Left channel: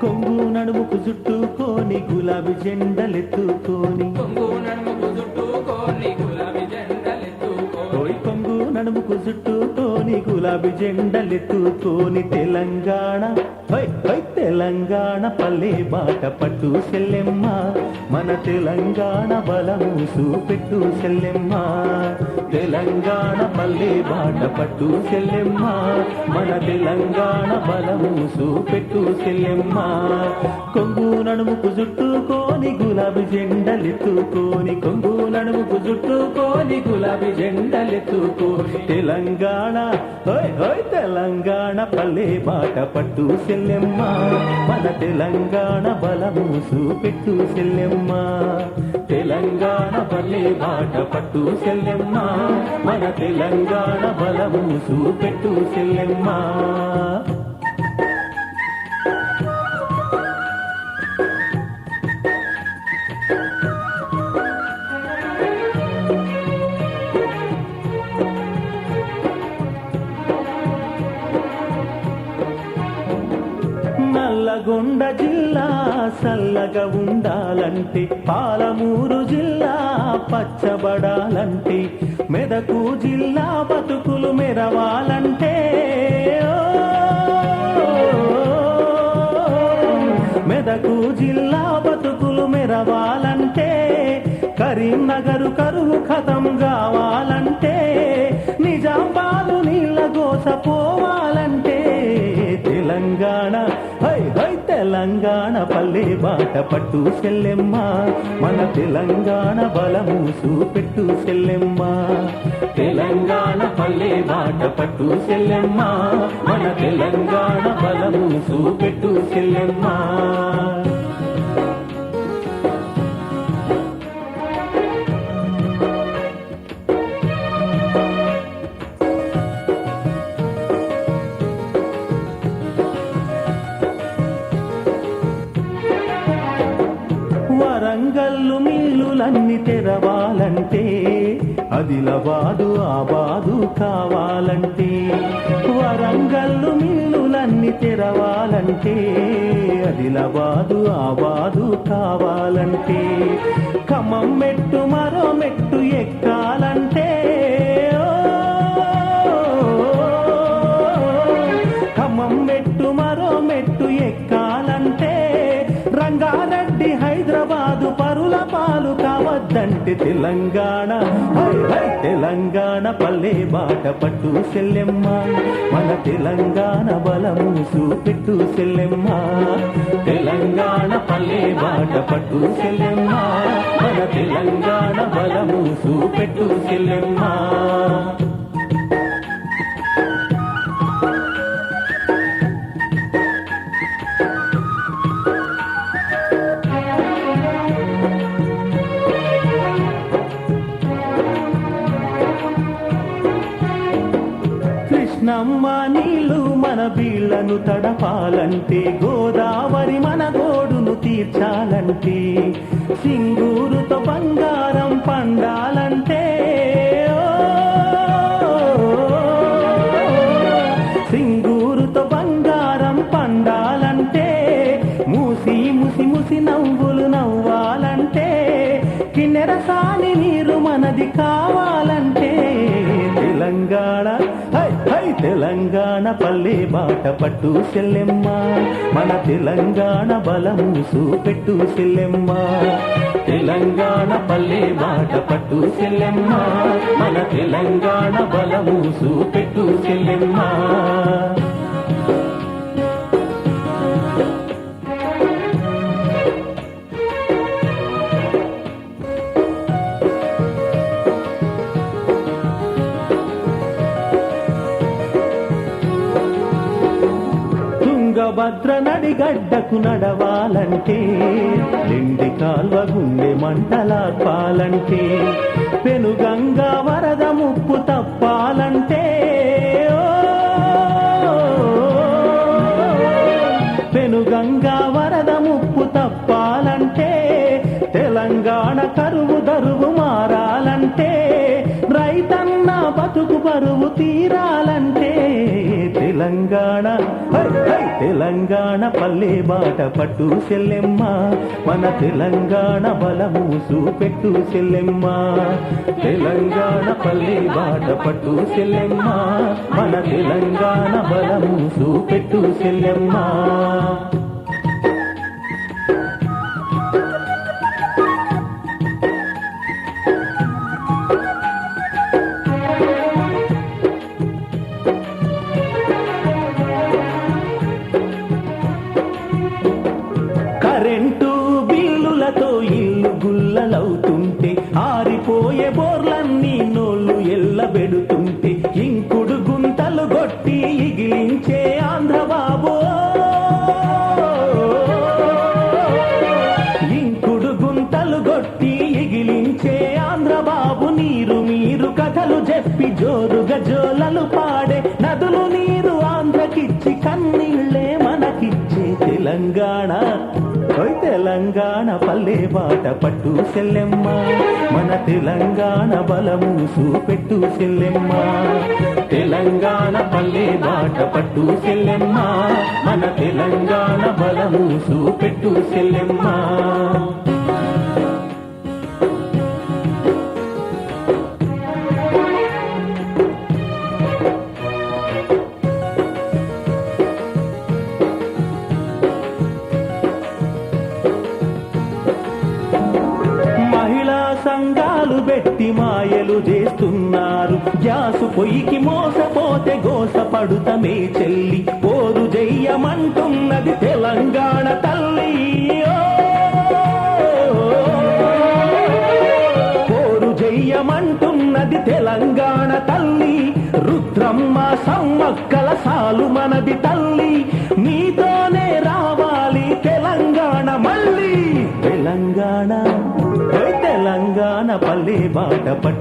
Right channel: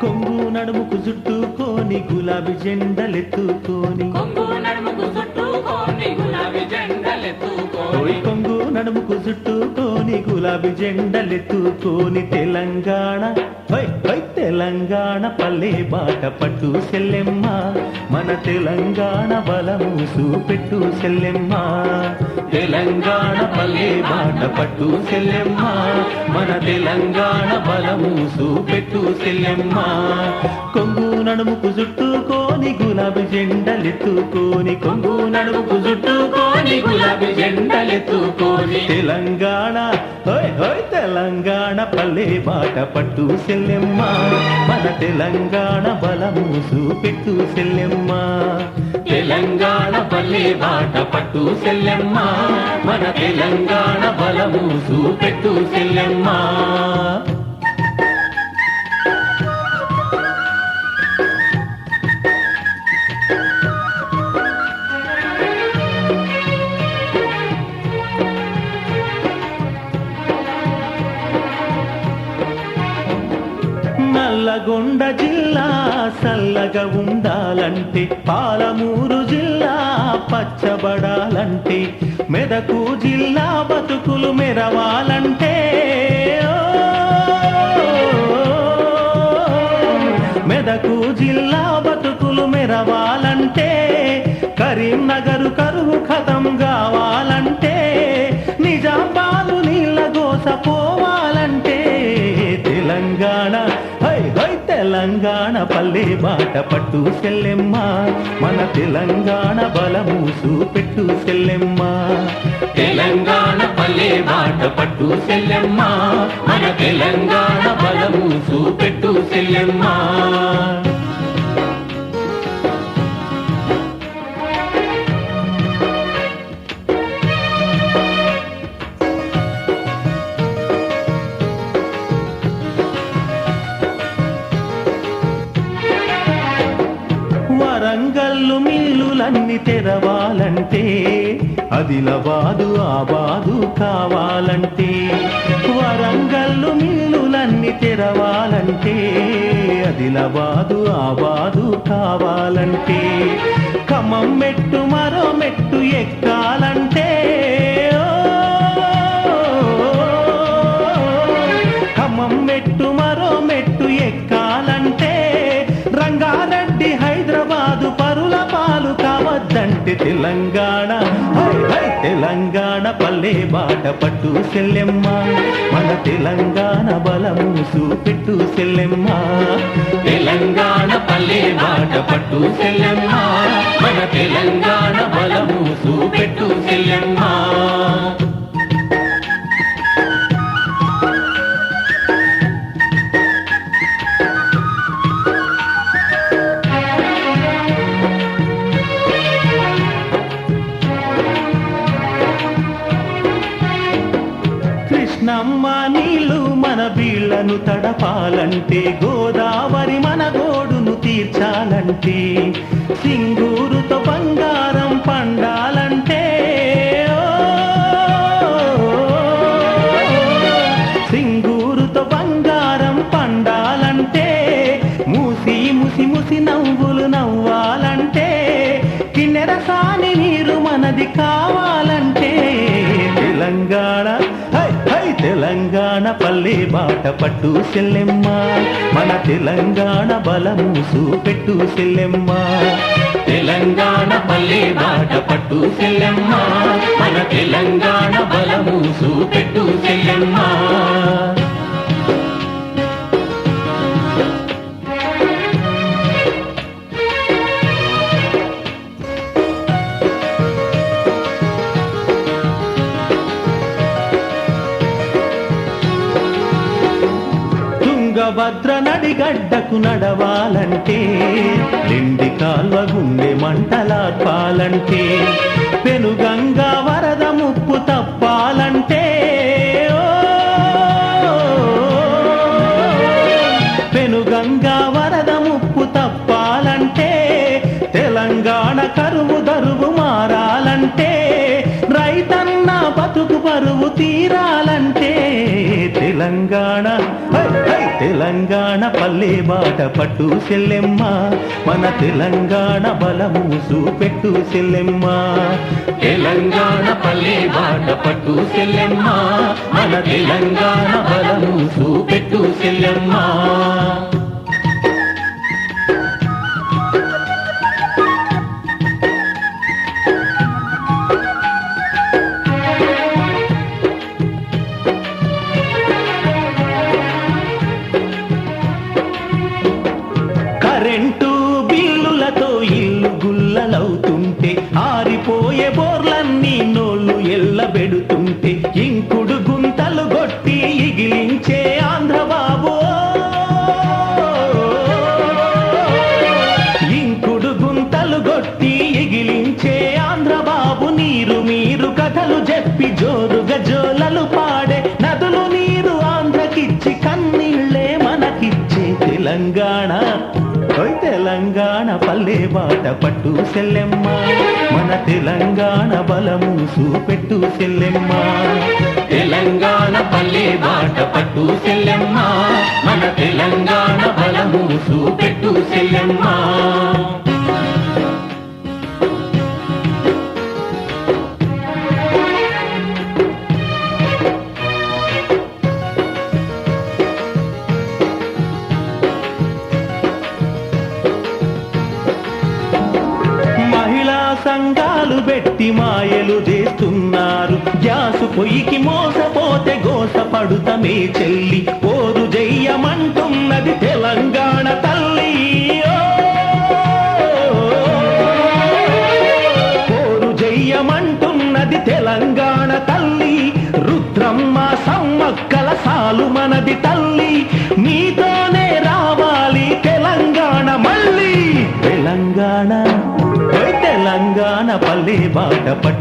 కొంగు నడుముకు చుట్టుకొని గులాబీ జెండలెత్తుకొని. కొంగు నడుముకు చుట్టుకొని గులాబీ జెండలెత్తుకొని. తెలంగాణ. తెలంగాణ పల్లె బాట పట్టు చెల్లెమ్మ. మన తెలంగాణ బలము చూపెట్టు చెల్లెమ్మ. తెలంగాణ పల్లె బాట పట్టు చెల్లెమ్మ. మన తెలంగాణ బలము చూపెట్టు చెల్లెమ్మ. కొంగు నడుముకు చుట్టుకొని గులాబీ జెండలెత్తుకోని కొంగు నడుముకు చుట్టుకొని గులాబీ జెండలెత్తుకోని తెలంగాణ. హోయ్ హోయ్ తెలంగాణ పల్లె బాట పట్టు చెల్లెమ్మ. మన తెలంగాణ బలము చూపెట్టు సెల్లెమ్మ. తెలంగాణ పల్లె బాట పట్టు సెల్లెమ్మ. మన తెలంగాణ బలము చూపెట్టు సెల్లెమ్మ. నల్లగొండ జిల్లా చల్లగా ఉండాలంటే పాలమూరు జిల్లా పచ్చబడాలంటే మెదకు జిల్లా బతుకులు మెరవాలంటే మెదకు జిల్లా బతుకులు మెరవాలంటే కరీంనగర్ కరువు కథం కావాలంటే నిజామాబాదు నీళ్ళ గోస పోవాలంటే తెలంగాణ తెలంగాణ పల్లె బాట పట్టు సెల్లెమ్మ. మన తెలంగాణ బలము చూపెట్టు సెల్లెమ్మ. తెలంగాణ పల్లె బాట పట్టు సెల్లెమ్మ. మన తెలంగాణ బలము చూపెట్టు సెల్లెమ్మ. తెరవాలంటే అదిలబాదు ఆబాదు కావాలంటే వరంగల్లు మిల్లులన్నీ తెరవాలంటే అదిలబాదు ఆబాదు కావాలంటే ఖమ్మం మెట్టు మరో మెట్టు ఎక్కాల కావద్దంటే తెలంగాణ. తెలంగాణ పల్లె బాట పట్టు సెల్లెమ్మ. మన తెలంగాణ బలము చూపెట్టు సెల్లెమ్మ. తెలంగాణ పల్లె బాట పట్టు సెల్లెమ్మ. మన తెలంగాణ బలము చూపెట్టు సెల్లెమ్మ. తడపాలంటే గోదావరి మన గోడును తీర్చాలంటే సింగూరుతో బంగారం పండాలంటే సింగూరుతో బంగారం పండాలంటే మూసి ముసి ముసి నవ్వు మాట పట్టు సెల్లెమ్మ. మన తెలంగాణ బలము చూపెట్టు సెల్లెమ్మ. తెలంగాణ పల్లె మాట పట్టు సెల్లెమ్మ. మన తెలంగాణ బలము చూపెట్టు సెల్లెమ్మ. తుంగభద్ర నడిగడ్డకు నడవాలంటే నిండి కాల్వ గుండె మంటలాకాలంటే పెనుగంగా వరద ముప్పు తప్ప తెలంగాణ పల్లె బాట పట్టు సెల్లెమ్మ మన తెలంగాణ బలము చూపెట్టు సెల్లెమ్మ తెలంగాణ పల్లె బాట పట్టు సెల్లెమ్మ మన తెలంగాణ బలము చూపెట్టు సెల్లెమ్మ జోలలు పాడే నదులు నీరు ఆంధ్రకిచ్చి కన్నీళ్ళే మనకిచ్చే తెలంగాణ. తెలంగాణ పల్లె బాట పట్టు సెల్లెమ్మ. మన తెలంగాణ బలము చూపెట్టు సెల్లెమ్మ. తెలంగాణ పల్లె బాట పట్టు సెల్లెమ్మ. మన తెలంగాణ బలము చూపెట్టు సెల్లెమ్మ. సంఘాలు మాయలు చేస్తున్నారు. గ్యాసు పొయ్యికి మోసపోతే గోసపడుతమే చెల్లి. పోరు జయ్యమంటున్నది తెలంగాణ తల్లి. పోరు జయ్యమంటున్నది తెలంగాణ తల్లి. రుద్రమ్మ సమ్మక్కల సాలు మనది తల్లి.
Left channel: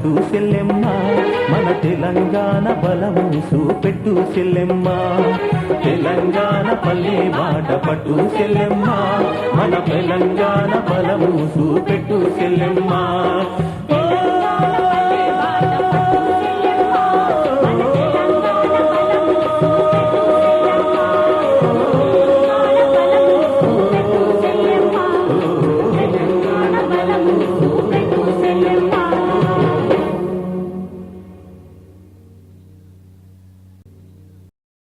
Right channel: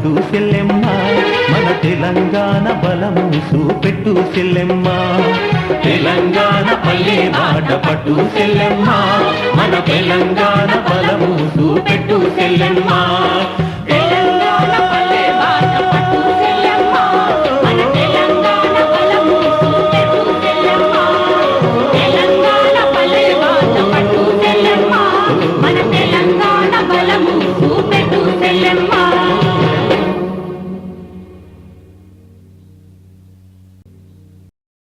బాట పట్టు సెల్లెమ్మ మన తెలంగాణ బలం చూపెట్టు సెల్లెమ్మ తెలంగాణ పల్లె బాట పట్టు సెల్లెమ్మ మన తెలంగాణ బలం చూపెట్టు సెల్లెమ్మ